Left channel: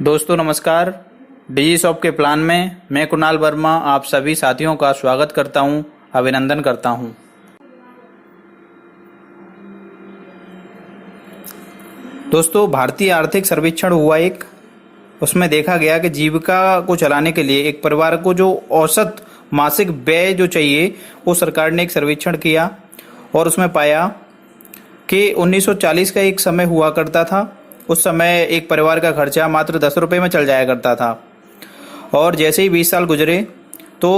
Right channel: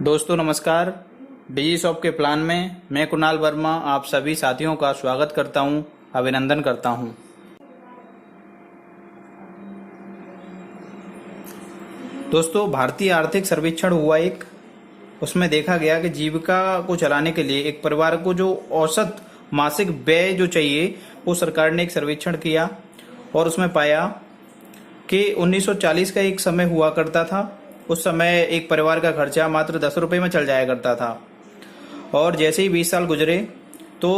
दोस्तों नमस्कार। डिजी शॉप के प्लान में मैं कुणाल वर्मा आप सभी साथियों का स्वागत करता हूं, अभिनंदन करता हूं। दोस्तों भारतीय आर्थिक सर्वेक्षण हुआ एक, उसमें देखा गया कि जीविका को चलाने के लिए एक परिवार को जो औसत मासिक व्यय जो चाहिए वो सरकार ने एक सर्वेक्षण किया और उसमें पाया कि 1940 का एक समय हुआ करता था। उस समय एक परिवार का खर्चा मात्र 10 रुपये में चल जाया करता था और जैसे ही 20 साल गुजरे तो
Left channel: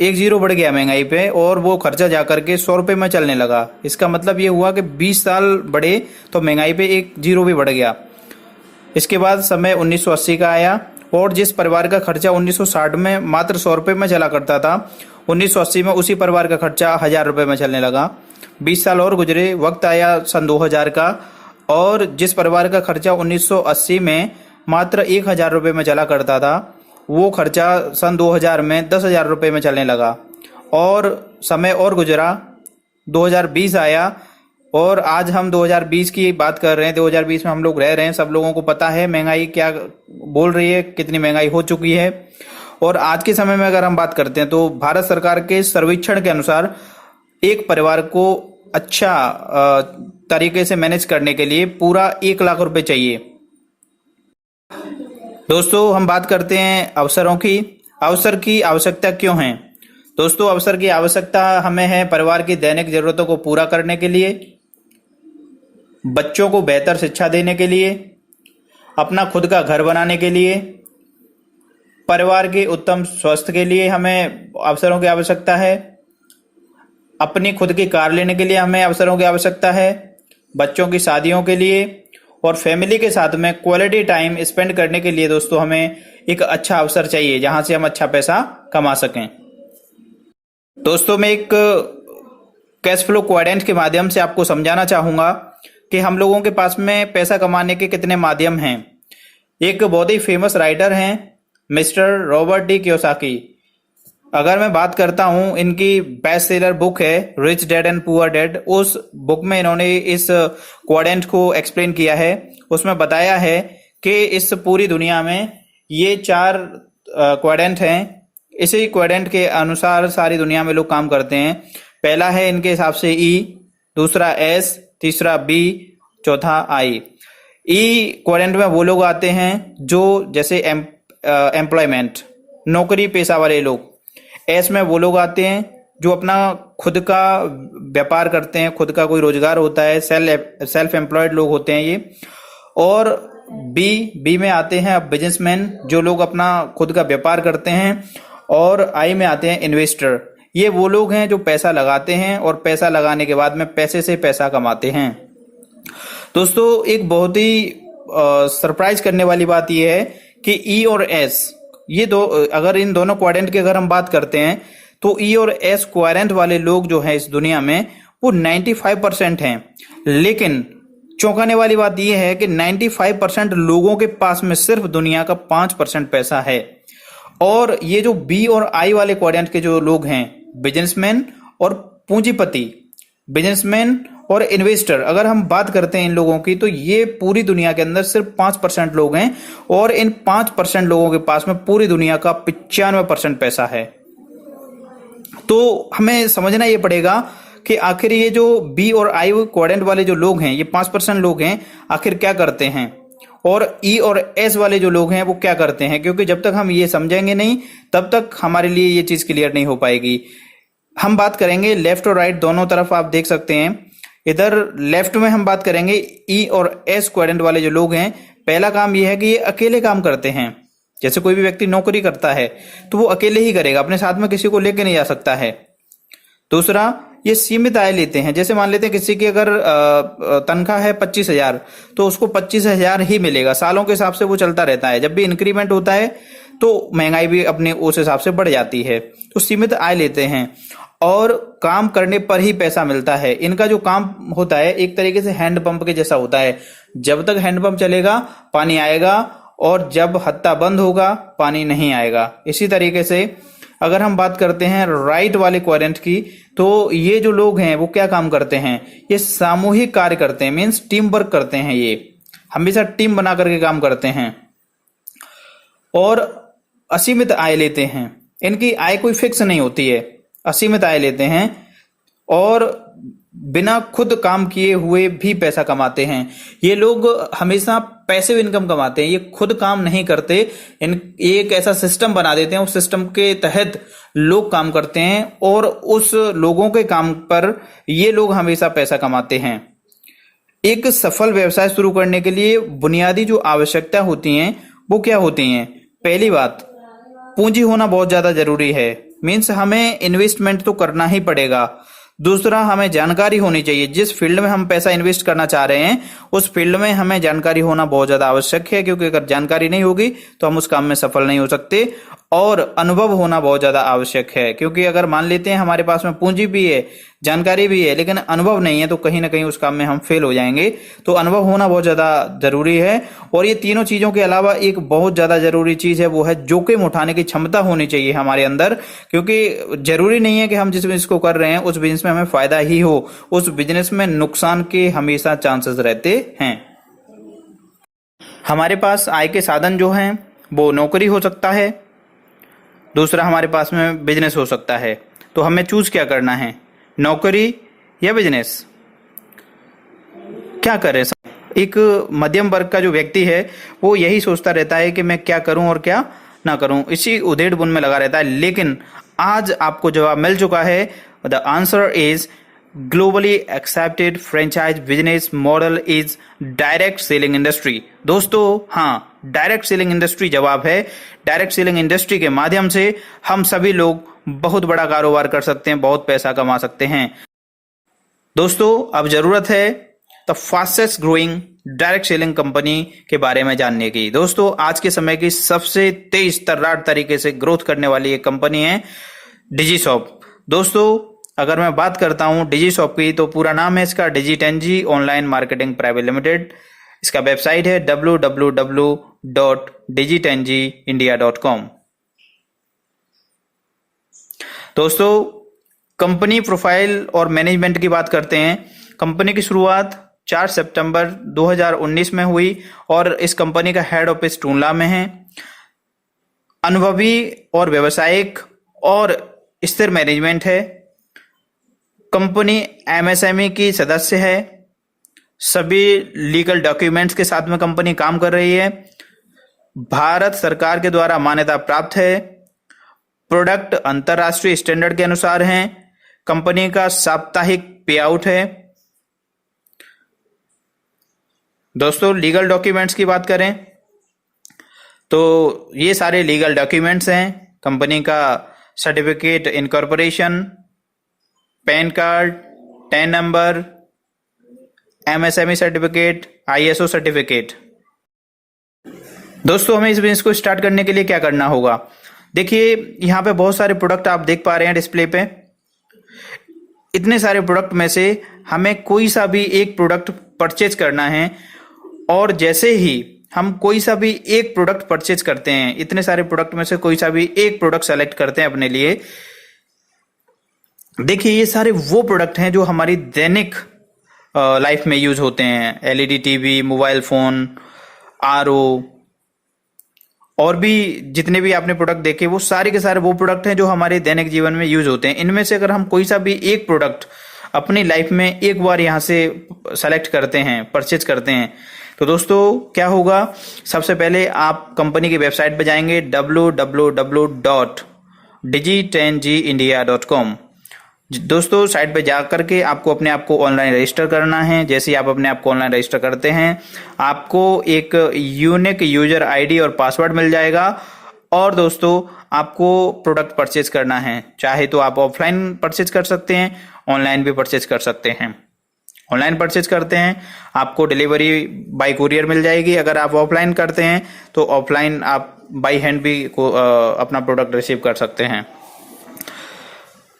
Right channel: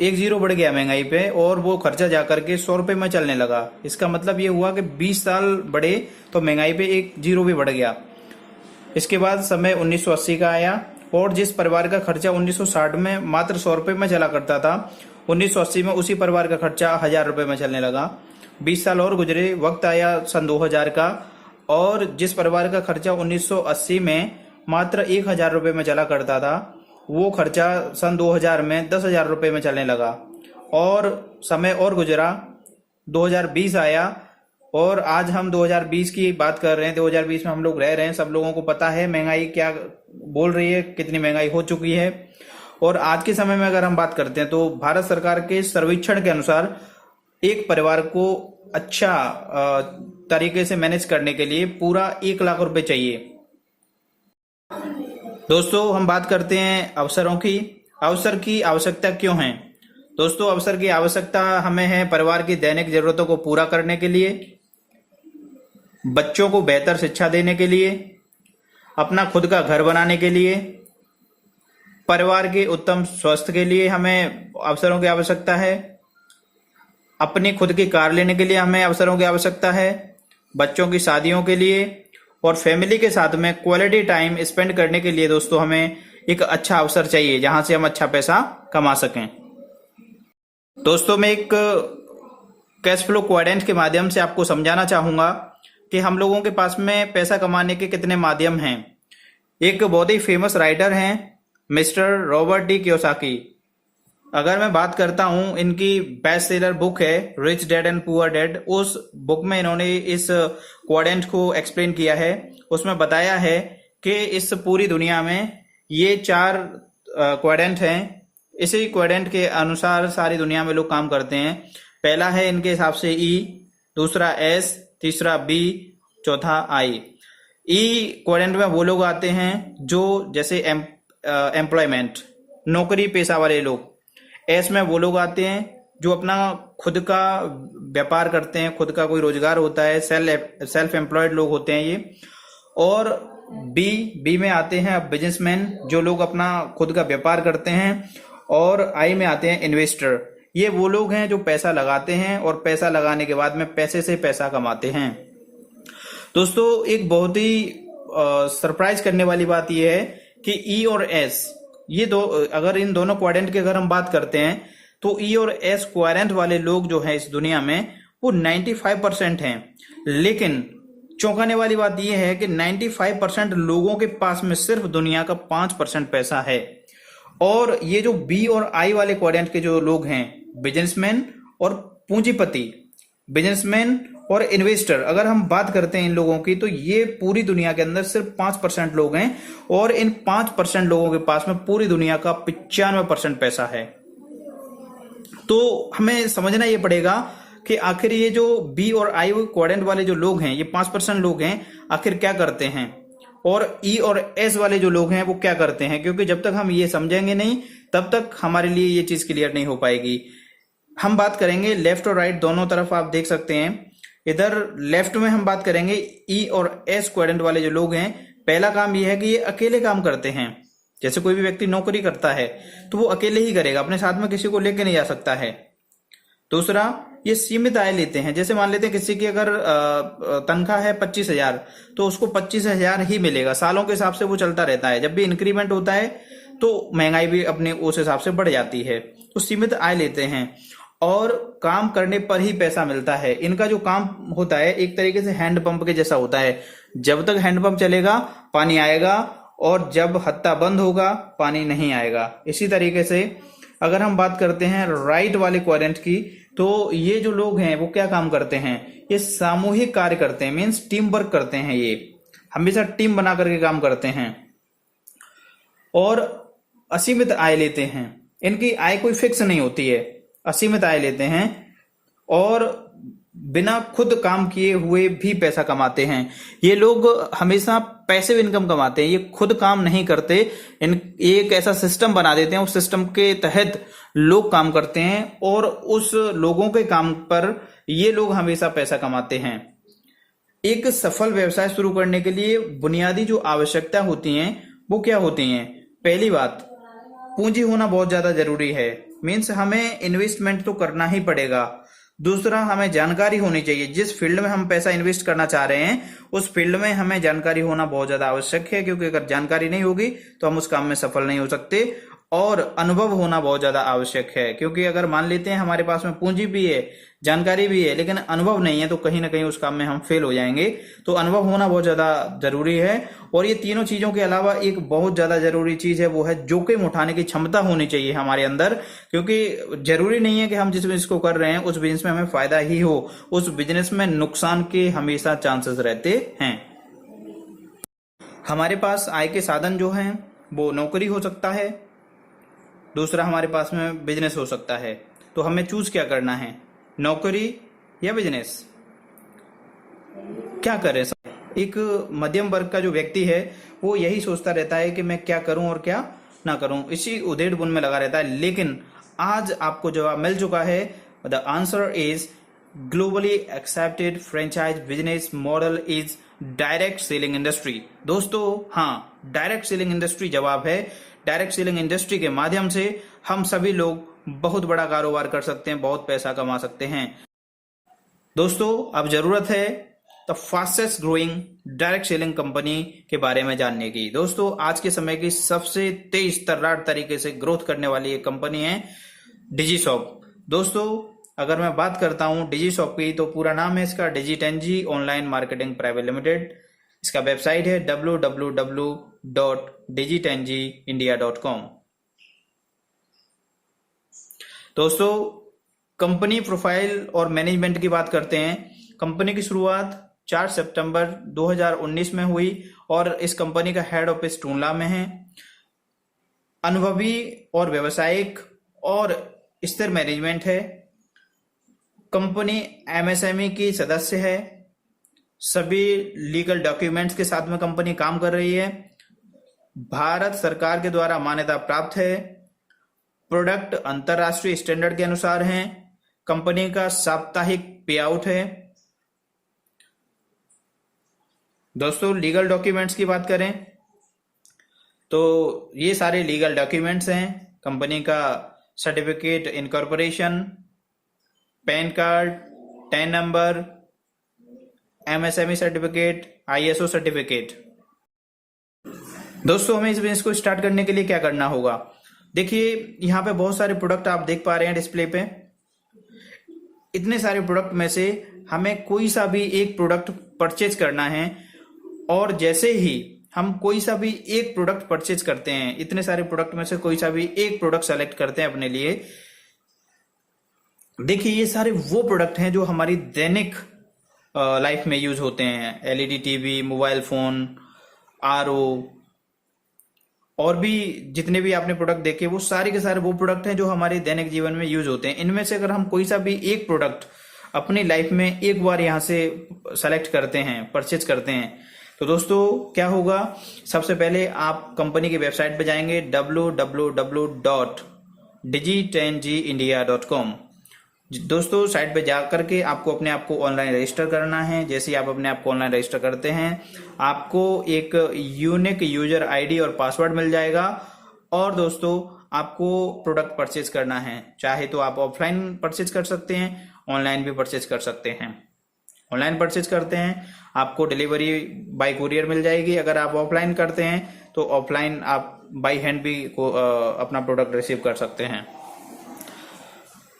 एक जीरो बढ़ गया महंगाई पे और वो खर्चा जाकर के 100 रुपये में चलने लगा। इसका मतलब ये हुआ कि 20 साल बढ़े तो महंगाई पे एक जीरो भी बढ़ गया। इसके बाद समय 1980 का आया और जिस परिवार का खर्चा 1960 में मात्र 100 रुपये में चला करता था, 1980 में उसी परिवार का खर्चा 1000 रुपये में चलने लगा। 20 साल और गुजरे, वक्त आया सन 2000 का और जिस परिवार का खर्चा 1980 में मात्र 1000 रुपये में चला करता था, वो खर्चा सन 2000 में 10,000 रुपये में चलने लगा। और समय और गुजरा, 2020 आया और आज हम 2020 की बात कर रहे हैं। 2020 में हम लोग रह रहे हैं। सब लोगों को पता है महंगाई क्या बोल रही है, कितनी महंगाई हो चुकी है। और आज के समय में अगर हम बात करते हैं तो भारत सरकार के सर्वेक्षण के अनुसार एक परिवार को अच्छा तरीके से मैनेज करने के लिए पूरा 1 लाख रुपए चाहिए। दोस्तों हम बात करते हैं अवसरों की। अवसर की आवश्यकता क्यों है? दोस्तों अवसर की आवश्यकता हमें है परिवार की दैनिक जरूरतों को पूरा करने के लिए, बच्चों को बेहतर शिक्षा देने के लिए, अपना खुद का घर बनाने के लिए, परिवार के उत्तम स्वास्थ्य के लिए हमें अवसरों की आवश्यकता है, अपनी खुद की कार लेने के लिए हमें अवसरों की आवश्यकता है, बच्चों की शादियों के लिए और फैमिली के साथ में क्वालिटी टाइम स्पेंड करने के लिए दोस्तों हमें एक अच्छा अवसर चाहिए जहां से हम अच्छा पैसा कमा सकें। दोस्तों मैं एक कैश फ्लो क्वाड्रेंट के माध्यम से आपको समझाना चाहूंगा कि हम लोगों के पास में पैसा कमाने के कितने माध्यम हैं। एक बहुत ही फेमस राइटर हैं मिस्टर रॉबर्ट डी कियोसाकी। अगर मैं बात करता हूं, इनकी बेस्ट सेलर बुक है rich dad and poor dad. उस बुक में इन्होंने इस क्वाड्रेंट को एक्सप्लेन किया है। उसमें बताया है कि इस पूरी दुनिया में ये 4 क्वाड्रेंट हैं। इसी क्वाड्रेंट के अनुसार सारी दुनिया में लोग काम करते हैं। पहला है इनके हिसाब से ई, दूसरा एस, तीसरा बी, चौथा आई। ई क्वाड्रेंट में वो लोग आते हैं जो जैसे एम्प्लॉयमेंट, नौकरी पेशा वाले लोग। एस में वो लोग आते हैं जो अपना खुद का व्यापार करते हैं, खुद का कोई रोजगार होता है, सेल्फ एम्प्लॉयड लोग होते हैं ये। और बी में आते हैं बिजनेसमैन, जो लोग अपना खुद का व्यापार करते हैं। और आई में आते हैं इन्वेस्टर, ये वो लोग हैं जो पैसा लगाते हैं और पैसा लगाने के बाद में पैसे से पैसा कमाते हैं। दोस्तों एक बहुत ही सरप्राइज करने वाली बात यह है कि ई और एस, ये दो, अगर इन दोनों क्वाड्रेंट की अगर हम बात करते हैं तो ई और एस क्वाड्रेंट वाले लोग जो हैं इस दुनिया में वो 95% हैं। लेकिन चौंकाने वाली बात यह है कि 95% लोगों के पास में सिर्फ दुनिया का 5% पैसा है। और ये जो बी और आई वाले क्वाड्रेंट के जो लोग हैं, बिजनेसमैन और पूंजीपति, बिजनेसमैन और इन्वेस्टर, अगर हम बात करते हैं इन लोगों की तो ये पूरी दुनिया के अंदर सिर्फ 5% लोग हैं। और इन 5% लोगों के पास में पूरी दुनिया का 95% पैसा है। तो हमें समझना ये पड़ेगा कि आखिर ये जो बी और आई क्वाड्रेंट वाले जो लोग हैं, ये 5% लोग हैं, आखिर क्या करते हैं, और ई और एस वाले जो लोग हैं वो क्या करते हैं। क्योंकि जब तक हम ये समझेंगे नहीं तब तक हमारे लिए ये चीज क्लियर नहीं हो पाएगी। हम बात करेंगे लेफ्ट और राइट दोनों तरफ, आप देख सकते हैं। इधर लेफ्ट में हम बात करेंगे ई और एस क्वाड्रेंट वाले जो लोग हैं, पहला काम यह है कि ये अकेले काम करते हैं। जैसे कोई भी व्यक्ति नौकरी करता है तो वो अकेले ही करेगा, अपने साथ में किसी को लेके नहीं जा सकता है। दूसरा, ये सीमित आय लेते हैं। जैसे मान लेते हैं किसी की अगर तनख्वाह है 25,000 तो उसको 25,000 ही मिलेगा। सालों के हिसाब से वो चलता रहता है। जब भी इंक्रीमेंट होता है तो महंगाई भी अपने उस हिसाब से बढ़ जाती है। तो सीमित आय लेते हैं और काम करने पर ही पैसा मिलता है। इनका जो काम होता है एक तरीके से हैंडपंप के जैसा होता है। जब तक हैंडपंप चलेगा पानी आएगा और जब हत्ता बंद होगा पानी नहीं आएगा। इसी तरीके से अगर हम बात करते हैं राइट वाले क्वाड्रेंट की, तो ये जो लोग हैं वो क्या काम करते हैं, ये सामूहिक कार्य करते हैं, मीन्स टीम वर्क करते हैं। ये हमेशा टीम बना करके काम करते हैं। और असीमित आय लेते हैं। इनकी आय कोई फिक्स नहीं होती है, असीमित आय लेते हैं और बिना खुद काम किए हुए भी पैसा कमाते हैं। ये लोग हमेशा पैसिव इनकम कमाते हैं, ये खुद काम नहीं करते। ये एक ऐसा सिस्टम बना देते हैं, उस सिस्टम के तहत लोग काम करते हैं और उस लोगों के काम पर ये लोग हमेशा पैसा कमाते हैं। एक सफल व्यवसाय शुरू करने के लिए बुनियादी जो आवश्यकता होती हैं वो क्या होती हैं? पहली बात, पूंजी होना बहुत ज्यादा जरूरी है, मीन्स हमें इन्वेस्टमेंट तो करना ही पड़ेगा। दूसरा, हमें जानकारी होनी चाहिए। जिस फील्ड में हम पैसा इन्वेस्ट करना चाह रहे हैं उस फील्ड में हमें जानकारी होना बहुत ज्यादा आवश्यक है, क्योंकि अगर जानकारी नहीं होगी तो हम उस काम में सफल नहीं हो सकते। और अनुभव होना बहुत ज्यादा आवश्यक है, क्योंकि अगर मान लेते हैं हमारे पास में पूंजी भी है, जानकारी भी है, लेकिन अनुभव नहीं है, तो कहीं ना कहीं उस काम में हम फेल हो जाएंगे। तो अनुभव होना बहुत ज्यादा जरूरी है। और ये तीनों चीजों के अलावा एक बहुत ज्यादा जरूरी चीज है, वो है जोखिम उठाने की क्षमता होनी चाहिए हमारे अंदर। क्योंकि जरूरी नहीं है कि हम जिस बिजनेस को कर रहे हैं उस बिजनेस में हमें फायदा ही हो, उस बिजनेस में नुकसान के हमेशा चांसेस रहते हैं। हमारे पास आय के साधन जो हैं वो नौकरी हो सकता है, दूसरा हमारे पास में बिजनेस हो सकता है। तो हमें चूज क्या करना है, नौकरी या बिजनेस? क्या करें? एक मध्यम वर्ग का जो व्यक्ति है वो यही सोचता रहता है कि मैं क्या करूं और क्या ना करूं, इसी उधेड़ बुन में लगा रहता है। लेकिन आज आपको जवाब मिल चुका है। The answer is globally accepted franchise business model is direct selling industry. दोस्तों, हाँ, डायरेक्ट सेलिंग इंडस्ट्री जवाब है। डायरेक्ट सेलिंग इंडस्ट्री के माध्यम से हम सभी लोग बहुत बड़ा कारोबार कर सकते हैं, बहुत पैसा कमा सकते हैं। दोस्तों, अब जरूरत है the fastest growing direct selling company के बारे में जानने की। दोस्तों, आज के समय की सबसे तेज तर्रार तरीके से ग्रोथ करने वाली एक कंपनी है डिजीशॉप। दोस्तों, अगर मैं बात करता हूं डिजीशॉप की, तो पूरा नाम है इसका डिजी10G ऑनलाइन मार्केटिंग प्राइवेट लिमिटेड। इसका वेबसाइट है www.digi10gindia.com। दोस्तों, कंपनी प्रोफाइल और मैनेजमेंट की बात करते हैं। कंपनी की शुरुआत 4 सितंबर 2019 में हुई और इस कंपनी का हेड ऑफिस टूंडला में है। अनुभवी और व्यावसायिक और स्थिर मैनेजमेंट है। कंपनी एमएसएमई की सदस्य है। सभी लीगल डॉक्यूमेंट्स के साथ में कंपनी काम कर रही है। भारत सरकार के द्वारा मान्यता प्राप्त है। प्रोडक्ट अंतरराष्ट्रीय स्टैंडर्ड के अनुसार हैं। कंपनी का साप्ताहिक पे आउट है। दोस्तों, लीगल डॉक्यूमेंट्स की बात करें तो ये सारे लीगल डॉक्यूमेंट्स हैं। कंपनी का certificate incorporation, pan card, tan number, MSME certificate, ISO certificate. दोस्तों, हमें इस बिजनेस को स्टार्ट करने के लिए क्या करना होगा? देखिए, यहाँ पे बहुत सारे प्रोडक्ट आप देख पा रहे हैं डिस्प्ले पे। इतने सारे प्रोडक्ट में से हमें कोई सा भी एक प्रोडक्ट परचेज करना है, और जैसे ही हम कोई सा भी एक प्रोडक्ट परचेज करते हैं, इतने सारे प्रोडक्ट में से कोई सा भी एक प्रोडक्ट सेलेक्ट करते हैं अपने लिए। देखिए, ये सारे वो प्रोडक्ट हैं जो हमारी दैनिक लाइफ में यूज होते हैं। LED TV, mobile phone, RO, और भी जितने भी आपने प्रोडक्ट देखे वो सारे के सारे वो प्रोडक्ट हैं जो हमारे दैनिक जीवन में यूज होते हैं। इनमें से अगर हम कोई सा भी एक प्रोडक्ट अपनी लाइफ में एक बार यहाँ से सेलेक्ट करते हैं, परचेज करते हैं, तो दोस्तों क्या होगा? सबसे पहले आप कंपनी की वेबसाइट पे जाएंगे www.digi10gindia.com। दोस्तों, साइट पे जा करके आपको अपने आप को ऑनलाइन रजिस्टर करना है। जैसे ही आप अपने आप को ऑनलाइन रजिस्टर करते हैं, आपको एक यूनिक यूजर आईडी और पासवर्ड मिल जाएगा। और दोस्तों, आपको प्रोडक्ट परचेज करना है। चाहे तो आप ऑफलाइन परचेज कर सकते हैं, ऑनलाइन भी परचेज कर सकते हैं। ऑनलाइन परचेज करते हैं, आपको डिलीवरी बाय कुरियर मिल जाएगी। अगर आप ऑफलाइन करते हैं तो ऑफलाइन आप बाय हैंड भी अपना प्रोडक्ट रिसीव कर सकते हैं।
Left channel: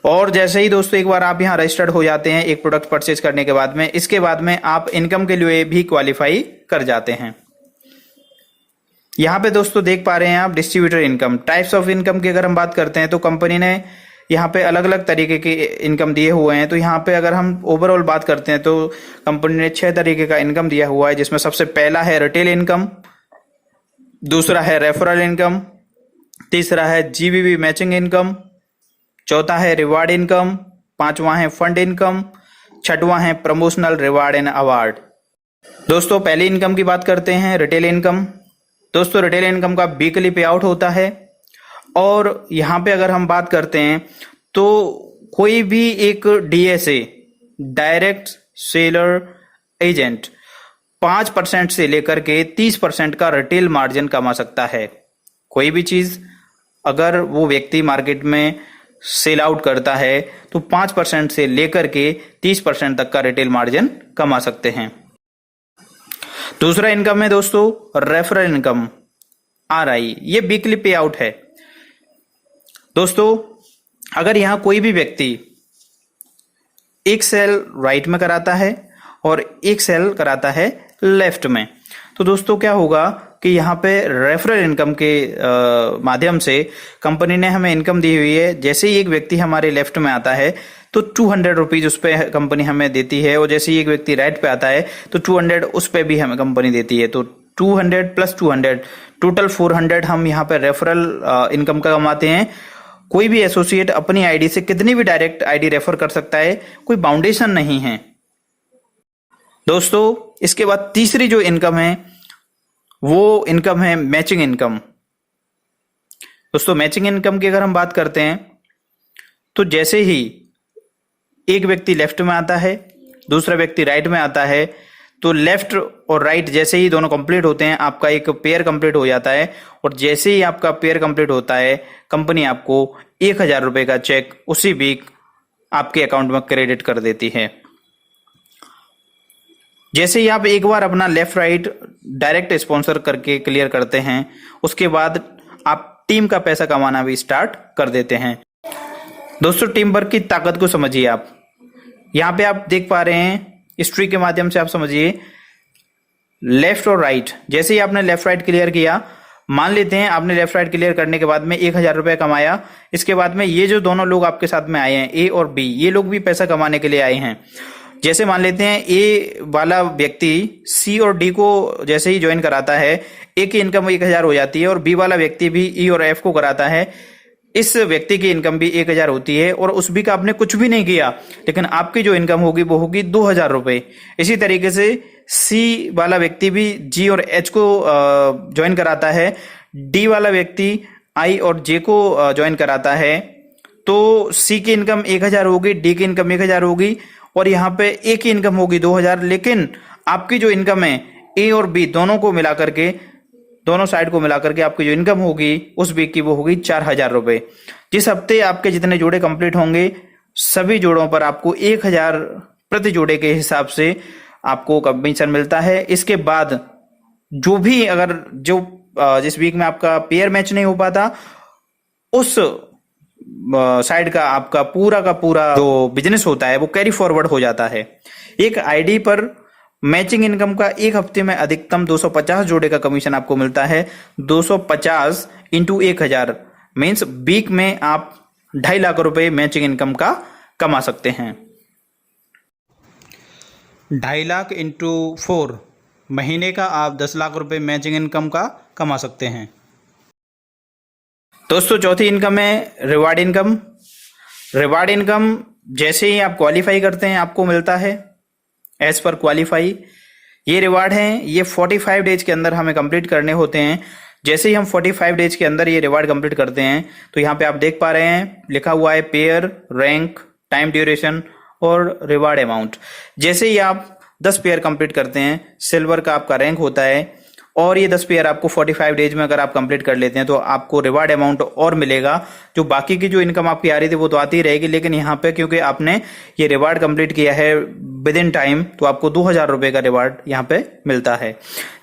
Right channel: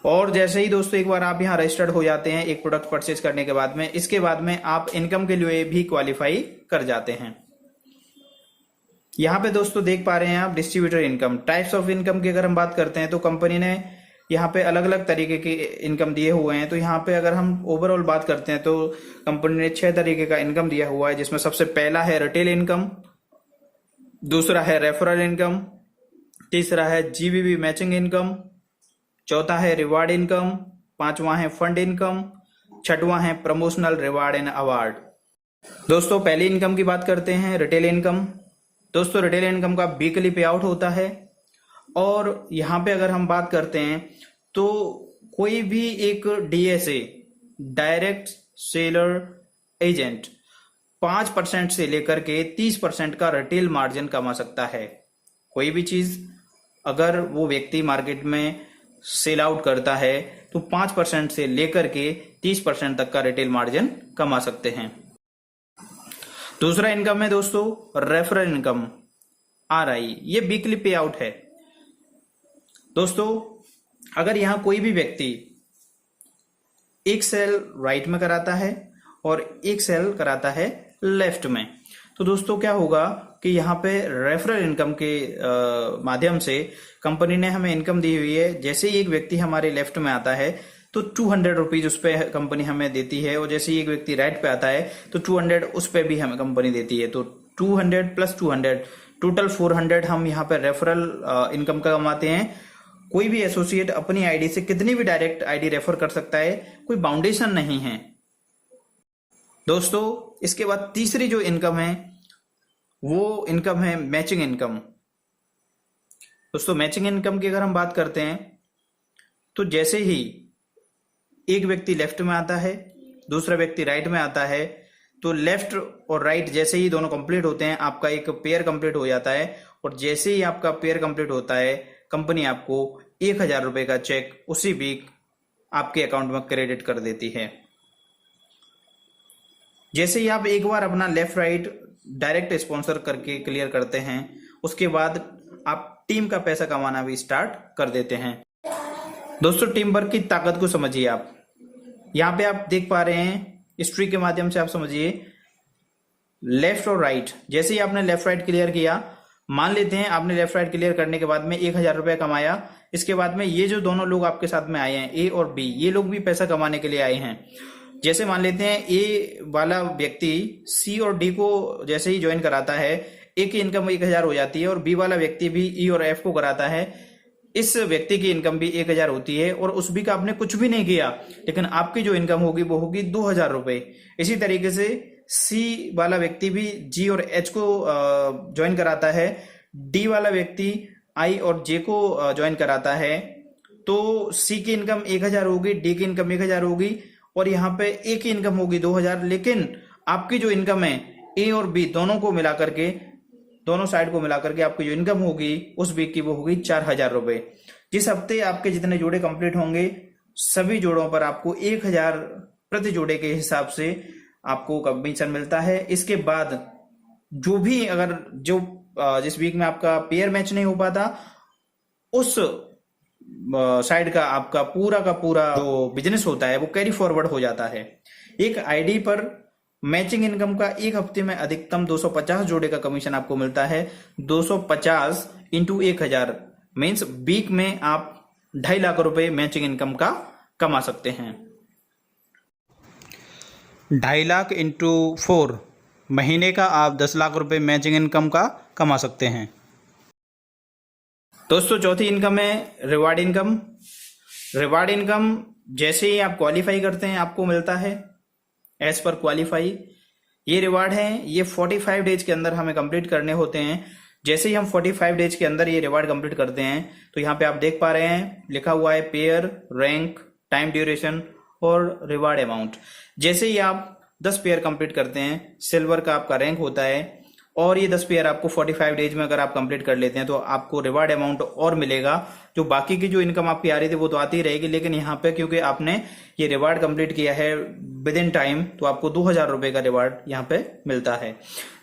और जैसे ही दोस्तों एक बार आप यहाँ रजिस्टर्ड हो जाते हैं एक प्रोडक्ट परचेज करने के बाद में, इसके बाद में आप इनकम के लिए भी क्वालिफाई कर जाते हैं। यहाँ पे दोस्तों देख पा रहे हैं आप distributor income, types of income की अगर हम बात करते हैं तो कंपनी ने यहाँ पे अलग अलग तरीके के इनकम दिए हुए हैं। तो यहाँ पे अगर हम ओवरऑल बात करते हैं तो कंपनी ने 6 तरीके का इनकम दिया हुआ है, जिसमें सबसे पहला है रिटेल इनकम, दूसरा है रेफरल इनकम, तीसरा है जीबीवी मैचिंग इनकम, चौथा है रिवार्ड इनकम, पांचवा है फंड इनकम, छठवां है प्रमोशनल रिवार्ड एंड अवार्ड। दोस्तों पहली इनकम की बात करते हैं, रिटेल इनकम। दोस्तों रिटेल इनकम का वीकली पे आउट होता है और यहाँ पे अगर हम बात करते हैं तो कोई भी एक डीएसए, डायरेक्ट सेलर एजेंट, 5% से लेकर के 30% का रिटेल मार्जिन कमा सकता है। कोई भी चीज अगर वो व्यक्ति मार्केट में सेल आउट करता है तो 5% से लेकर के 30% तक का रिटेल मार्जिन कमा सकते हैं। दूसरा इनकम है दोस्तों रेफरल इनकम, RI। ये वीकली पे आउट है। दोस्तों अगर यहां कोई भी व्यक्ति एक सेल राइट में कराता है और एक सेल कराता है लेफ्ट में, तो दोस्तों क्या होगा कि यहाँ पे रेफरल इनकम के माध्यम से कंपनी ने हमें इनकम दी हुई है। जैसे ही एक व्यक्ति हमारे लेफ्ट में आता है तो 200 रुपीज उस पर कंपनी हमें देती है, और जैसे ही एक व्यक्ति राइट पे आता है तो 200 उस पर भी हमें कंपनी देती है। तो 200 + 200 टोटल 400 हम यहाँ पे रेफरल इनकम का कमाते हैं। कोई भी एसोसिएट अपनी आईडी से कितनी भी डायरेक्ट आईडी रेफर कर सकता है, कोई बाउंडेशन नहीं है। दोस्तों इसके बाद तीसरी जो इनकम है वो इनकम है मैचिंग इनकम। दोस्तों मैचिंग इनकम की अगर हम बात करते हैं तो जैसे ही एक व्यक्ति लेफ्ट में आता है, दूसरा व्यक्ति राइट में आता है, तो लेफ्ट और राइट जैसे ही दोनों कंप्लीट होते हैं आपका एक पेयर कंप्लीट हो जाता है, और जैसे ही आपका पेयर कंप्लीट होता है कंपनी आपको 1000 रुपए का चेक उसी वीक आपके अकाउंट में क्रेडिट कर देती है। जैसे ही आप एक बार अपना लेफ्ट राइट डायरेक्ट स्पॉन्सर करके क्लियर करते हैं, उसके बाद आप टीम का पैसा कमाना भी स्टार्ट कर देते हैं। दोस्तों टीम वर्क की ताकत को समझिए। आप यहाँ पे आप देख पा रहे हैं हिस्ट्री के माध्यम से, आप समझिए लेफ्ट और राइट। जैसे ही आपने लेफ्ट राइट क्लियर किया, मान लेते हैं आपने लेफ्ट राइट क्लियर करने के बाद में 1000 रुपए कमाया, इसके बाद में ये जो दोनों लोग आपके साथ में आए हैं ए और बी, ये लोग भी पैसा कमाने के लिए आए हैं। जैसे मान लेते हैं ए वाला व्यक्ति सी और डी को जैसे ही ज्वाइन कराता है, ए की इनकम 1000 हो जाती है, और बी वाला व्यक्ति भी ई और एफ को कराता है, इस व्यक्ति की इनकम भी 1000 होती है, और उस बी का आपने कुछ भी नहीं किया, लेकिन आपकी जो इनकम होगी वो होगी 2000 रुपए। इसी तरीके से सी वाला व्यक्ति भी जी और एच को ज्वाइन कराता है, डी वाला व्यक्ति आई और जे को ज्वाइन कराता है, तो सी की इनकम 1000 होगी, डी की इनकम 1000 होगी, और यहाँ पे ए की इनकम होगी 2000। लेकिन आपकी जो इनकम है ए और बी दोनों को मिला करके, दोनों साइड को मिला करके आपकी जो इनकम होगी उस वीक की वो होगी 4000 रुपए। जिस हफ्ते आपके जितने जोड़े कंप्लीट होंगे सभी जोड़ों पर आपको 1000 प्रति जोड़े के हिसाब से आपको कमीशन मिलता है। इसके बाद जो भी अगर जिस वीक में आपका पेयर मैच नहीं हो पाता, उस साइड का आपका पूरा का पूरा जो बिजनेस होता है वो कैरी फॉरवर्ड हो जाता है। एक आईडी पर मैचिंग इनकम का एक हफ्ते में अधिकतम 250 जोड़े का कमीशन आपको मिलता है। 250 इंटू 1000 मीन्स वीक में आप 2.5 लाख रुपए मैचिंग इनकम का कमा सकते हैं। 2.5 लाख इंटू 4 महीने का आप 10 लाख रुपए मैचिंग इनकम का कमा सकते हैं। दोस्तों चौथी इनकम है रिवार्ड इनकम। रिवार्ड इनकम जैसे ही आप क्वालिफाई करते हैं आपको मिलता है एज पर क्वालिफाई। ये रिवार्ड हैं, ये 45 डेज के अंदर हमें कंप्लीट करने होते हैं। जैसे ही हम 45 डेज के अंदर ये रिवार्ड कंप्लीट करते हैं तो यहाँ पे आप देख पा रहे हैं लिखा हुआ है पेयर, रैंक, टाइम ड्यूरेशन और रिवार्ड अमाउंट। जैसे ही आप 10 पेयर कंप्लीट करते हैं, सिल्वर का आपका रैंक होता है, और ये 10 पेयर आपको 45 डेज में अगर आप कंप्लीट कर लेते हैं तो आपको रिवार्ड अमाउंट और मिलेगा। जो बाकी की जो इनकम आपकी आ रही थी वो तो आती ही रहेगी, लेकिन यहाँ पे क्योंकि आपने ये रिवार्ड कंप्लीट किया है विद इन टाइम तो आपको 2000 रुपए का रिवार्ड यहाँ पे मिलता है।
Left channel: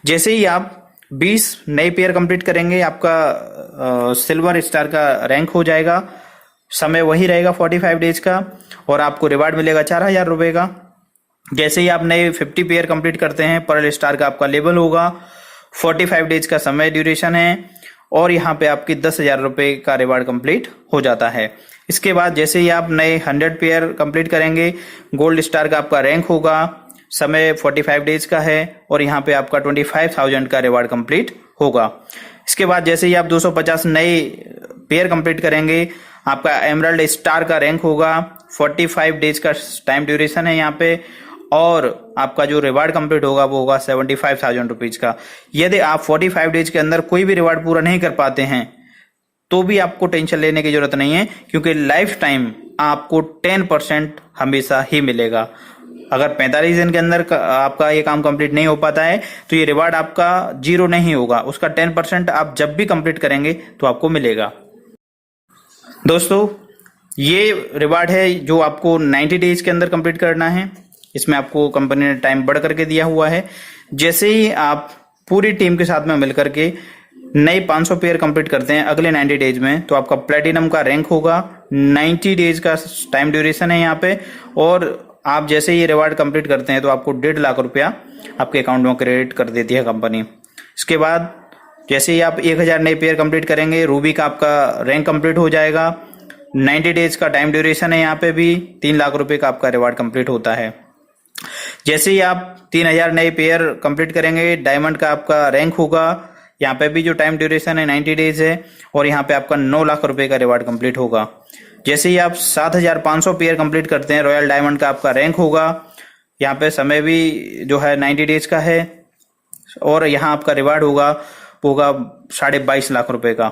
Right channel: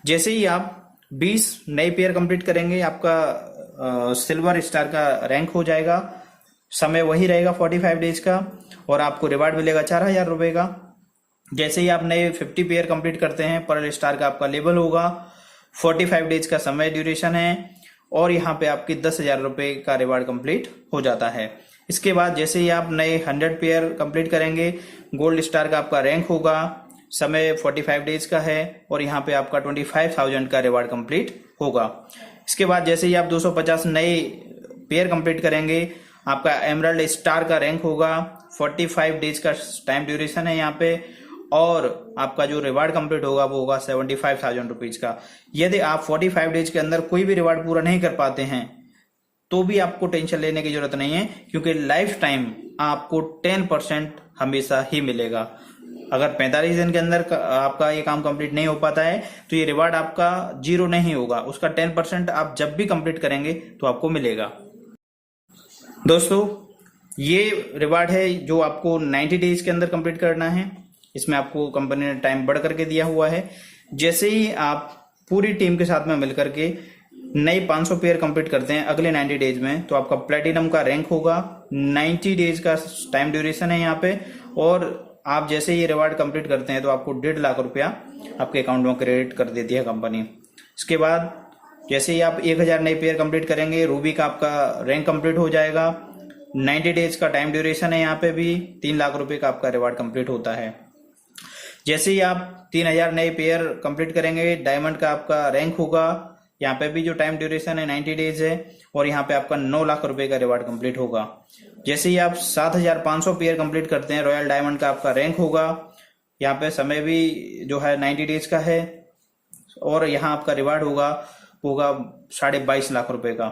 जैसे ही आप 20 नए पेयर कंप्लीट करेंगे आपका सिल्वर स्टार का रैंक हो जाएगा, समय वही रहेगा 45 डेज का, और आपको रिवार्ड मिलेगा 4000 रुपए का। जैसे ही आप नए 50 पेयर कंप्लीट करते हैं, पर्ल स्टार का आपका लेवल होगा, 45 डेज का समय ड्यूरेशन है, और यहाँ पे आपकी 10,000 रुपए का रिवार्ड कंप्लीट हो जाता है। इसके बाद जैसे ही आप नए 100 पेयर कंप्लीट करेंगे, गोल्ड स्टार का आपका रैंक होगा, समय 45 डेज का है, और यहाँ पे आपका 25,000 का रिवार्ड कंप्लीट होगा। इसके बाद जैसे ही आप 250 नए पेयर कंप्लीट करेंगे, आपका एमराल्ड स्टार का रैंक होगा। 45 डेज का टाइम ड्यूरेशन है यहाँ पे, और आपका जो रिवार्ड कंप्लीट होगा वो होगा 75,000 रुपीज का। यदि आप 45 डेज के अंदर कोई भी रिवार्ड पूरा नहीं कर पाते हैं तो भी आपको टेंशन लेने की जरूरत नहीं है, क्योंकि लाइफ टाइम आपको 10% हमेशा ही मिलेगा। अगर 45 दिन के अंदर आपका ये काम कंप्लीट नहीं हो पाता है तो ये रिवार्ड आपका जीरो नहीं होगा, उसका 10% आप जब भी कंप्लीट करेंगे तो आपको मिलेगा। दोस्तों, ये रिवार्ड है जो आपको 90 डेज के अंदर कंप्लीट करना है। इसमें आपको कंपनी ने टाइम बढ़ करके दिया हुआ है। जैसे ही आप पूरी टीम के साथ में मिलकर के नए 500 पेयर कंप्लीट करते हैं अगले 90 डेज में, तो आपका प्लेटिनम का रैंक होगा। 90 डेज का टाइम ड्यूरेशन है यहाँ पे, और आप जैसे ही रिवार्ड कंप्लीट करते हैं तो आपको 1.5 लाख रुपया आपके अकाउंट में क्रेडिट कर देती है कंपनी। इसके बाद जैसे ही आप 1000 नए पेयर कंप्लीट करेंगे, रूबी का आपका रैंक कंप्लीट हो जाएगा। 90 डेज का टाइम ड्यूरेशन है, यहाँ पे भी 3 लाख रुपए का आपका रिवार्ड कंप्लीट होता है। जैसे ही आप 3000 नए पेयर कंप्लीट करेंगे, डायमंड का आपका रैंक होगा। यहाँ पे भी जो टाइम ड्यूरेशन है 90 डेज है, और यहाँ पे आपका 9 लाख रुपए का रिवार्ड कंप्लीट होगा। जैसे ही आप 7500 पेयर कंप्लीट करते हैं, रॉयल डायमंड का आपका रैंक होगा। यहाँ पे समय भी जो है 90 डेज का है, और यहाँ आपका रिवार्ड होगा 22.5 लाख रुपए का।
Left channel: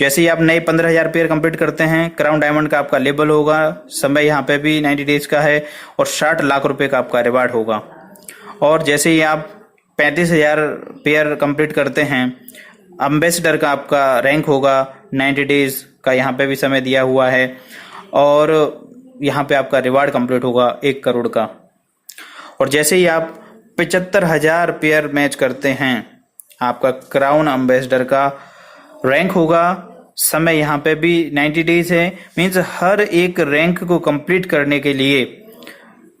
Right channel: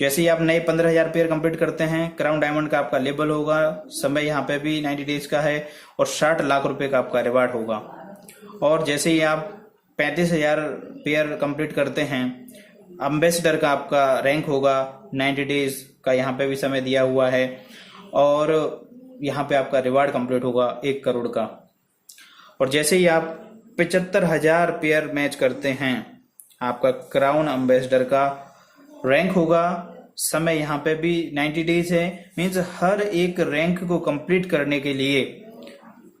जैसे ही आप नए 15,000 पेयर कंप्लीट करते हैं, क्राउन डायमंड का आपका लेबल होगा। समय यहाँ पे भी 90 डेज का है, और 60 लाख रुपए का आपका रिवार्ड होगा। और जैसे ही आप 35,000 पेयर कंप्लीट करते हैं, एम्बेसडर का आपका रैंक होगा। 90 डेज का यहाँ पे भी समय दिया हुआ है, और यहाँ पे आपका रिवार्ड कंप्लीट होगा 1 करोड़ का। और जैसे ही आप 75,000 पेयर मैच करते हैं, आपका क्राउन एम्बेसडर का रैंक होगा। समय यहाँ पे भी 90 डेज है। मीन्स हर एक रैंक को कंप्लीट करने के लिए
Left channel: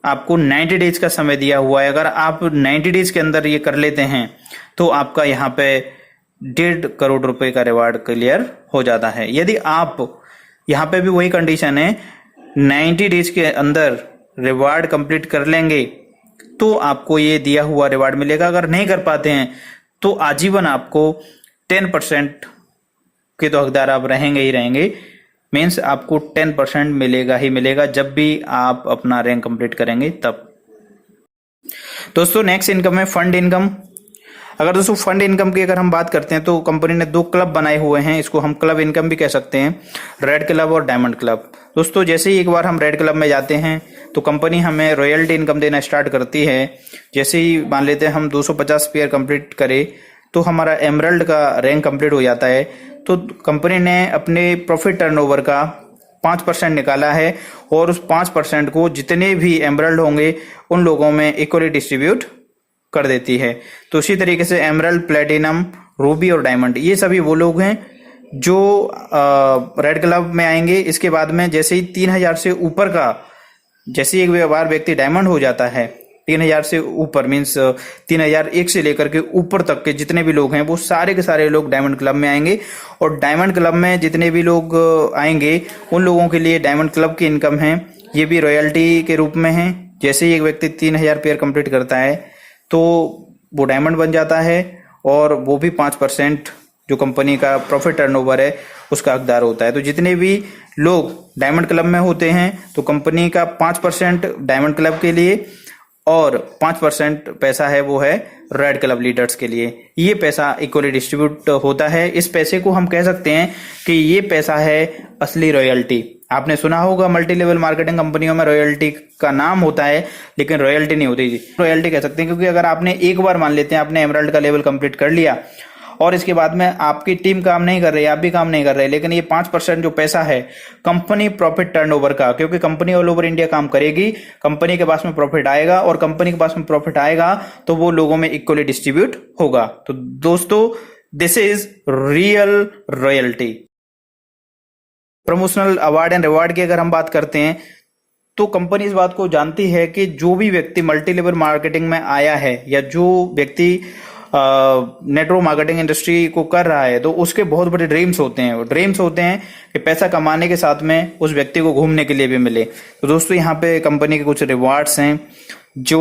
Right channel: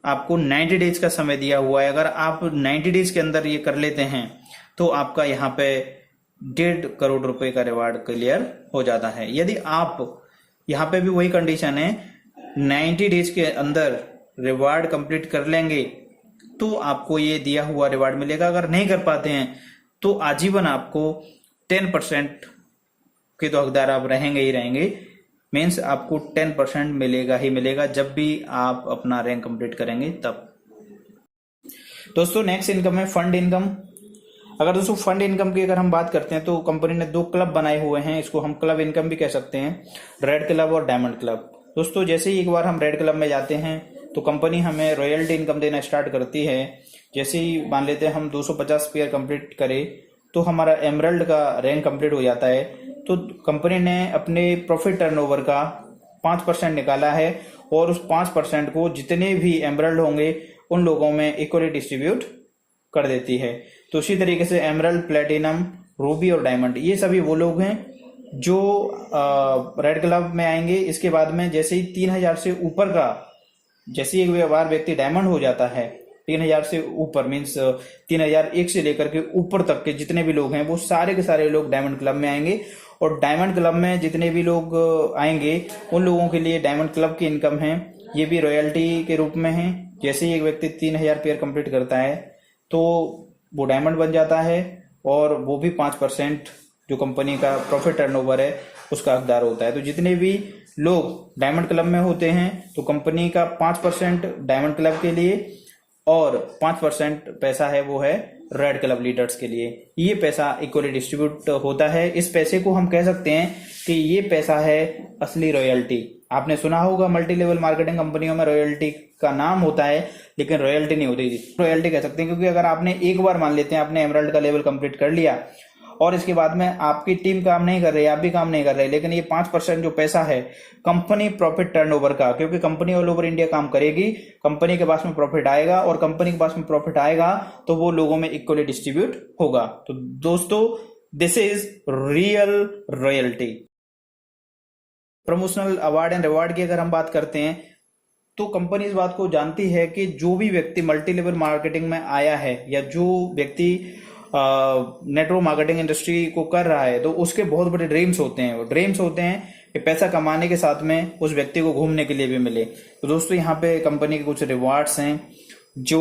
आपको 90 डेज का समय दिया हुआ है। अगर आप 90 डेज के अंदर ये कर लेते हैं तो आपका यहाँ पे 1.5 करोड़ रुपए का रिवार्ड क्लियर हो जाता है। यदि आप यहाँ पे भी वही कंडीशन है, 90 डेज के अंदर रिवार्ड कंप्लीट कर लेंगे तो आपको ये दिया हुआ रिवार्ड मिलेगा। अगर नहीं कर पाते हैं तो आजीवन आपको 10% के तो हकदार आप रहेंगे ही रहेंगे। मीन्स आपको 10% मिलेगा ही मिलेगा जब भी आप अपना रैंक कंप्लीट करेंगे तब। दोस्तों, नेक्स्ट इनकम है फंड इनकम। अगर दोस्तों फंड इनकम की अगर हम बात करते हैं तो कंपनी ने 2 क्लब बनाए हुए हैं। इसको हम क्लब इनकम भी कह सकते हैं, रेड क्लब और डायमंड क्लब। दोस्तों, जैसे ही एक बार हम रेड क्लब में जाते हैं तो कंपनी हमें रॉयल्टी इनकम देना स्टार्ट करती है। जैसे ही मान लेते हैं हम 250 पेयर कंप्लीट करें तो हमारा एमराल्ड का रैंक कंप्लीट हो जाता है। तो कंपनी ने अपने प्रॉफिट टर्नओवर का 5% निकाला है, और उस 5% को जितने भी एमराल्ड होंगे उन लोगों में इक्वली डिस्ट्रीब्यूट कर देती है। तो इसी तरीके से एमराल्ड, प्लेटिनम, रूबी और डायमंड, ये सभी वो लोग हैं जो रेड क्लब में आएंगे। इसके बाद में जैसे ही 3000 से ऊपर का, जैसे एक बार व्यक्ति डायमंड हो जाता है, 3000 से ऊपर मीन्स 3001 से लेकर के ऊपर तक के जितने भी लोग हैं वो सारे के सारे लोग डायमंड क्लब में आएंगे। और डायमंड क्लब में जितने भी लोग आएंगे उन लोगों के लिए डायमंड क्लब की इनकम है, ये भी रॉयल्टी के रूप में है। जैसे ही एक व्यक्ति 3000 पेयर कंप्लीट करता है तो वो डायमंड बन जाता है, और वो भी 5% जो कंपनी का प्रॉफिट टर्नओवर है उसका हकदार होता है। तो जितने भी लोग डायमंड क्लब में होते हैं तो कंपनी का 5% डायमंड क्लब के लिए, और 5% पैसा है वो है रेड क्लब लीडर्स के लिए। ये पैसा इक्वली डिस्ट्रीब्यूट होता है। इस पैसे को हम कह सकते हैं कि ये पैसा है असली रॉयल्टी। आपने सुना होगा मल्टी लेवल मार्केटिंग कंपनियों में रॉयल्टी का नाम होता है, लेकिन रॉयल्टी नहीं होती। रॉयल्टी कह सकते हैं क्योंकि अगर आपने एक बार मान लेते हैं आपने एमराल्ड का लेवल कंप्लीट कर लिया और इसके बाद में आपकी टीम काम नहीं कर रही, आप भी काम नहीं कर रहे, लेकिन ये 5% जो पैसा है कंपनी प्रॉफिट टर्नओवर का, क्योंकि कंपनी ऑल ओवर इंडिया काम करेगी, कंपनी के पास में प्रॉफिट आएगा, और कंपनी के पास में प्रॉफिट आएगा तो वो लोगों में इक्वली डिस्ट्रीब्यूट होगा। तो दोस्तों, this is real royalty. Promotional award and reward की अगर हम बात करते हैं तो कंपनी इस बात को जानती है कि जो भी व्यक्ति मल्टी लेवल मार्केटिंग में आया है या जो व्यक्ति नेटवर्क मार्केटिंग इंडस्ट्री को कर रहा है तो उसके बहुत बड़े ड्रीम्स होते हैं। ड्रीम्स होते हैं कि पैसा कमाने के साथ में उस व्यक्ति को घूमने के लिए भी मिले। तो दोस्तों, यहाँ पे कंपनी के कुछ रिवार्ड्स हैं जो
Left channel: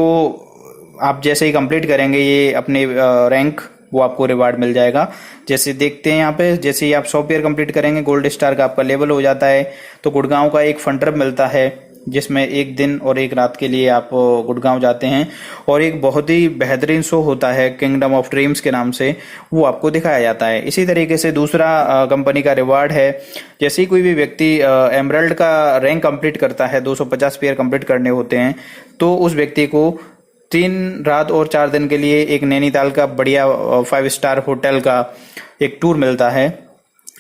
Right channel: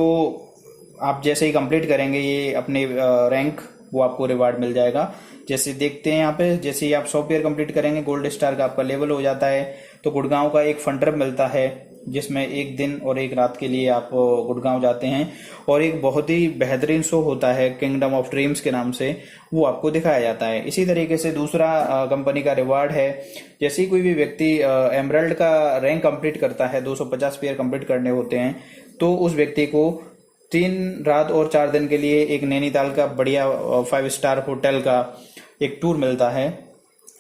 आप जैसे ही कंप्लीट करेंगे ये अपने रैंक वो आपको रिवार्ड मिल जाएगा। जैसे देखते हैं यहाँ पे, जैसे ही आप 100 पेयर कंप्लीट करेंगे गोल्ड स्टार का आपका लेवल हो जाता है। तो गुड़गांव का एक फंडर मिलता है जिसमें 1 दिन और 1 रात के लिए आप गुड़गांव जाते हैं और एक बहुत ही बेहतरीन शो होता है किंगडम ऑफ ड्रीम्स के नाम से, वो आपको दिखाया जाता है। इसी तरीके से दूसरा कंपनी का रिवार्ड है, जैसे ही कोई भी व्यक्ति एमरल्ड का रैंक कंप्लीट करता है, 250 पेयर कंप्लीट करने होते हैं, तो उस व्यक्ति को 3 रात और 4 दिन के लिए एक नैनीताल का बढ़िया 5 स्टार होटल का एक टूर मिलता है।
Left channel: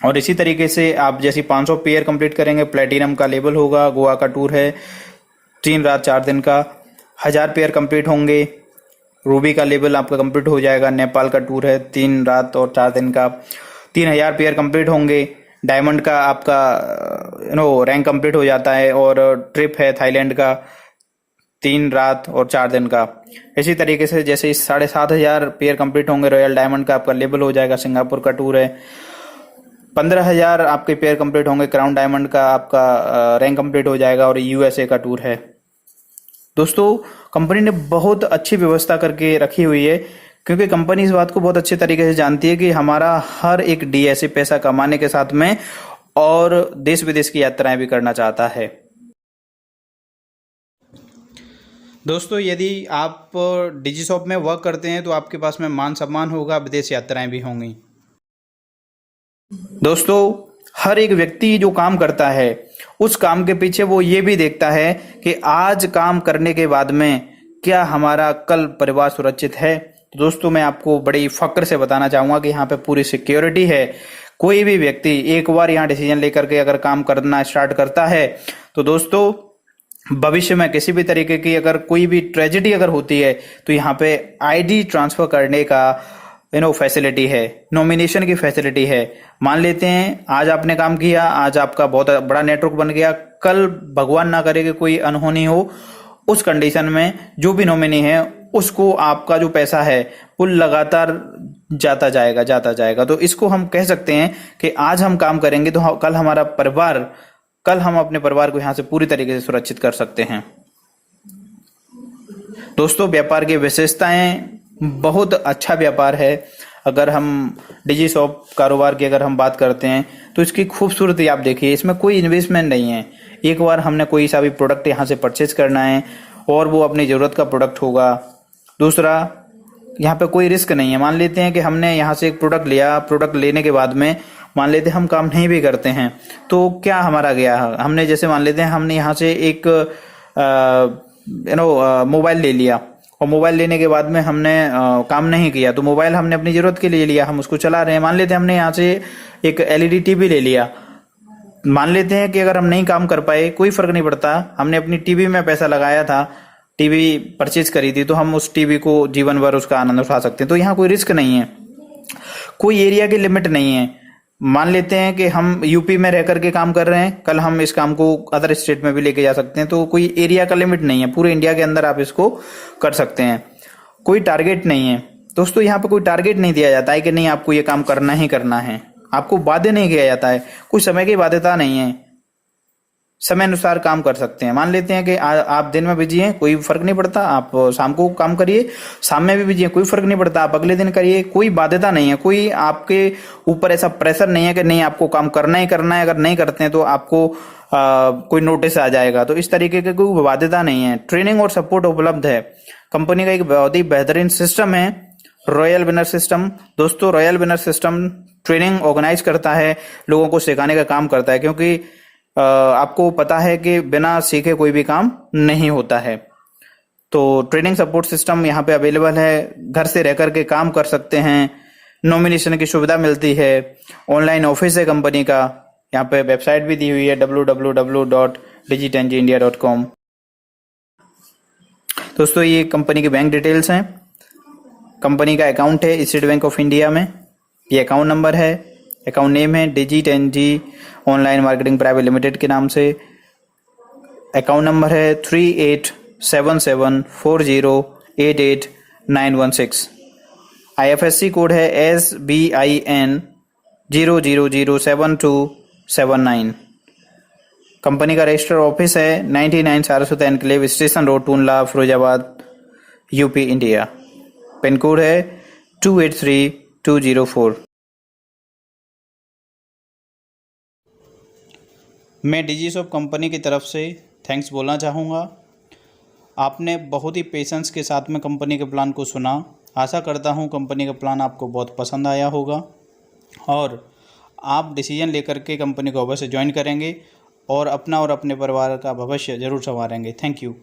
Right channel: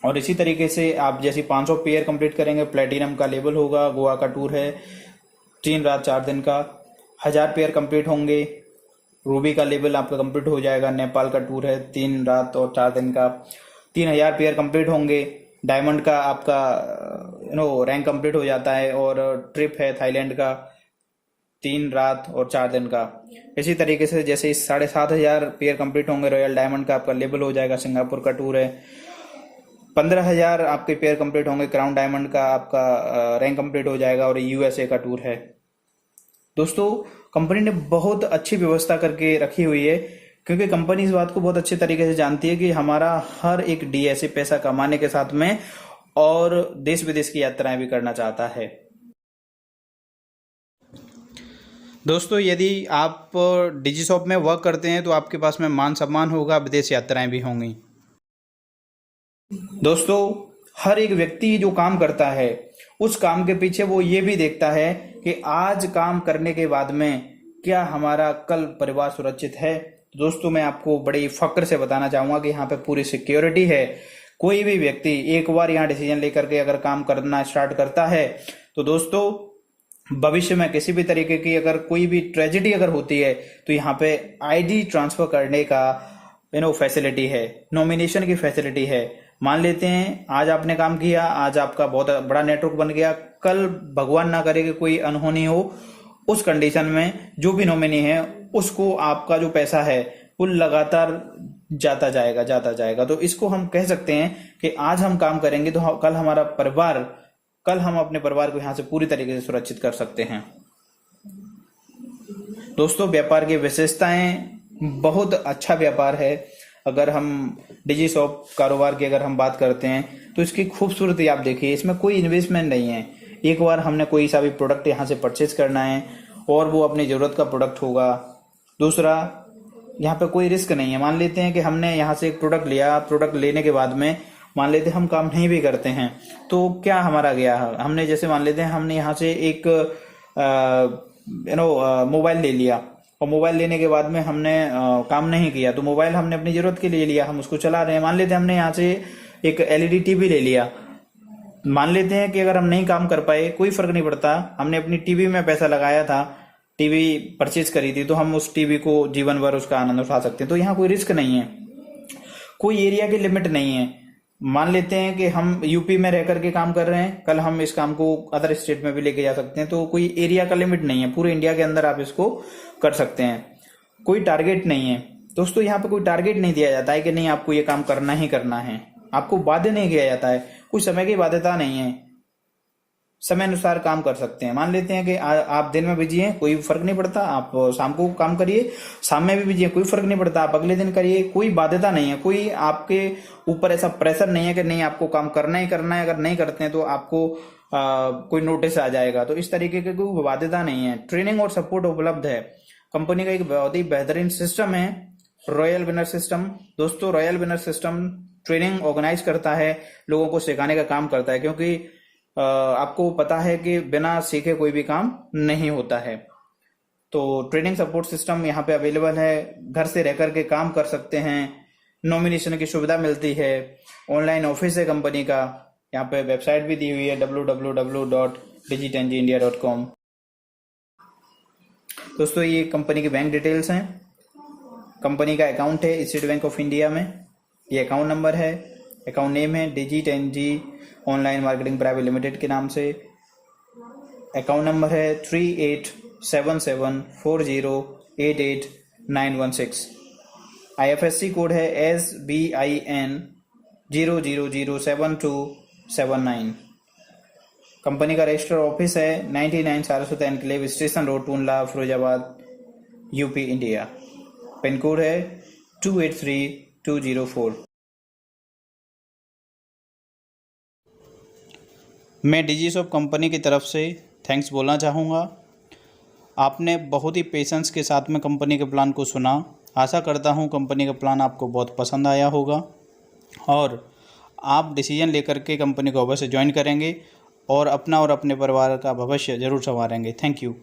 और इसी तरीके से आप जैसे 500 पेयर कंप्लीट करेंगे प्लेटिनम का लेवल होगा, गोवा का टूर है 3 रात 4 दिन का। 1000 पेयर कंप्लीट होंगे, रूबी का लेवल आपका कंप्लीट हो जाएगा, नेपाल का टूर है 3 रात और 4 दिन का। 3000 पेयर कंप्लीट होंगे, डायमंड का आपका रैंक कंप्लीट हो जाता है और ट्रिप है थाईलैंड का 3 रात और 4 दिन का। इसी तरीके से जैसे 7500 पेयर कंप्लीट होंगे, रॉयल डायमंड का आपका लेवल हो जाएगा, सिंगापुर का टूर है। 15,000 आपके पेयर कंप्लीट होंगे, क्राउन डायमंड का आपका रैंक कंप्लीट हो जाएगा और यूएसए का टूर है। दोस्तों कंपनी ने बहुत अच्छी व्यवस्था करके रखी हुई है, क्योंकि कंपनी इस बात को बहुत अच्छे तरीके से जानती है कि हमारा हर एक डीएसए पैसा कमाने के साथ में और देश विदेश की यात्राएं भी करना चाहता है। दोस्तों यदि आप डिजीशॉप में वर्क करते हैं तो आपके पास में मान सम्मान होगा, विदेश यात्राएं भी होंगी। दोस्तों हर एक व्यक्ति जो काम करता है उस काम के पीछे वो ये भी देखता है कि आज काम करने के बाद में क्या हमारा कल परिवार सुरक्षित है। तो दोस्तों मैं आपको बड़ी फक्र से बताना चाहूंगा कि यहाँ पे पूरी सिक्योरिटी है। कोई भी व्यक्ति एक बार यहाँ डिसीजन लेकर के अगर काम करना स्टार्ट करता है तो दोस्तों भविष्य में किसी भी तरीके की अगर कोई भी ट्रेजेडी अगर होती है तो यहाँ पे आईडी ट्रांसफर करने का फैसिलिटी है, नॉमिनेशन की फैसिलिटी है। मान लेते हैं आज आपने काम किया, आज आपका बहुत बड़ा नेटवर्क बन गया, कल भगवान ना करे कि कोई अनहोनी हो, उस कंडीशन में जो भी नॉमिनी है उसको आपका जो पैसा है वो लगातार जाता जाएगा। तो इसको हम कह सकते हैं कि आज हम काम करेंगे तो कल हम अपने परिवार को यहाँ से पूरी तरीके से सुरक्षित कर सकते हैं। दोस्तों व्यापार की विशेषताएं, बहुत अच्छा व्यापार है। अगर हम डिजीशॉप कारोबार की अगर हम बात करते हैं तो इसकी खूबसूरती आप देखिए, इसमें कोई इन्वेस्टमेंट नहीं है। एक बार हमने कोई सा भी प्रोडक्ट यहाँ से परचेज करना है और वो अपनी ज़रूरत का प्रोडक्ट होगा। दूसरा, यहाँ पे कोई रिस्क नहीं है। मान लेते हैं कि हमने यहाँ से एक प्रोडक्ट लिया, प्रोडक्ट लेने के बाद में मान लेते हैं हम काम नहीं भी करते हैं तो क्या हमारा गया है। हमने जैसे मान लेते हैं हमने यहाँ से एक मोबाइल ले लिया और मोबाइल लेने के बाद में हमने काम नहीं किया, तो मोबाइल हमने अपनी जरूरत के लिए लिया, हम उसको चला रहे हैं। मान लेते हैं हमने यहाँ से एक एलईडी टीवी ले लिया, मान लेते हैं कि अगर हम नहीं काम कर पाए, कोई फर्क नहीं पड़ता, हमने अपनी टीवी में पैसा लगाया था, टीवी परचेज करी थी, तो हम उस टीवी को जीवन भर उसका आनंद उठा सकते हैं। तो यहाँ कोई रिस्क नहीं है, कोई एरिया की लिमिट नहीं है। मान लेते हैं कि हम यूपी में रह करके काम कर रहे हैं, कल हम इस काम को अदर स्टेट में भी लेके जा सकते हैं। तो कोई एरिया का लिमिट नहीं है, पूरे इंडिया के अंदर आप इसको कर सकते हैं। कोई टारगेट नहीं है दोस्तों, यहाँ पे कोई टारगेट नहीं दिया जाता है कि नहीं आपको ये काम करना ही करना है, आपको बाध्य नहीं किया जाता है, कोई समय की बाध्यता नहीं है, समय अनुसार काम कर सकते हैं। मान लेते हैं कि आप दिन में बिजी हैं, कोई फर्क नहीं पड़ता, आप शाम को काम करिए, शाम में भी बिजी हैं, कोई फर्क नहीं पड़ता, आप अगले दिन करिए, कोई बाध्यता नहीं है, कोई आपके ऊपर ऐसा प्रेशर नहीं है कि नहीं आपको काम करना ही करना है, अगर नहीं करते हैं तो आपको कोई नोटिस आ जाएगा। तो इस तरीके की कोई बाध्यता नहीं है। ट्रेनिंग और सपोर्ट उपलब्ध है। कंपनी का एक बहुत ही बेहतरीन सिस्टम है रॉयल विनर सिस्टम। दोस्तों royal winner system training organise करता है, लोगों को सिखाने का काम करता है, क्योंकि आपको पता है कि बिना सीखे कोई भी काम नहीं होता है। तो ट्रेनिंग सपोर्ट सिस्टम यहाँ पे अवेलेबल है, घर से रह करके काम कर सकते हैं, नॉमिनेशन की सुविधा मिलती है, ऑनलाइन ऑफिस है कंपनी का, यहाँ पे वेबसाइट भी दी हुई है www.digitengindia.com। दोस्तों ये कंपनी की बैंक डिटेल्स हैं, कंपनी का अकाउंट है स्टेट बैंक ऑफ इंडिया में, ये अकाउंट नंबर है, अकाउंट नेम है डिजिटेंजी ऑनलाइन मार्केटिंग प्राइवेट लिमिटेड के नाम से, अकाउंट नंबर है 387740888916, IFSC कोड है SBIN 0007279। कंपनी का रजिस्टर ऑफिस है 99 Saraswat enclave station road Tundla Firozabad UP India. Pin code है 283 204। मैं डिजिशॉप कंपनी की तरफ से थैंक्स बोलना चाहूँगा। आपने बहुत ही पेशेंस के साथ में कंपनी के प्लान को सुना। आशा करता हूँ कंपनी का प्लान आपको बहुत पसंद आया होगा और आप डिसीजन लेकर के कंपनी को अवश्य ज्वाइन करेंगे और अपना और अपने परिवार का भविष्य ज़रूर संवारेंगे। Thank you.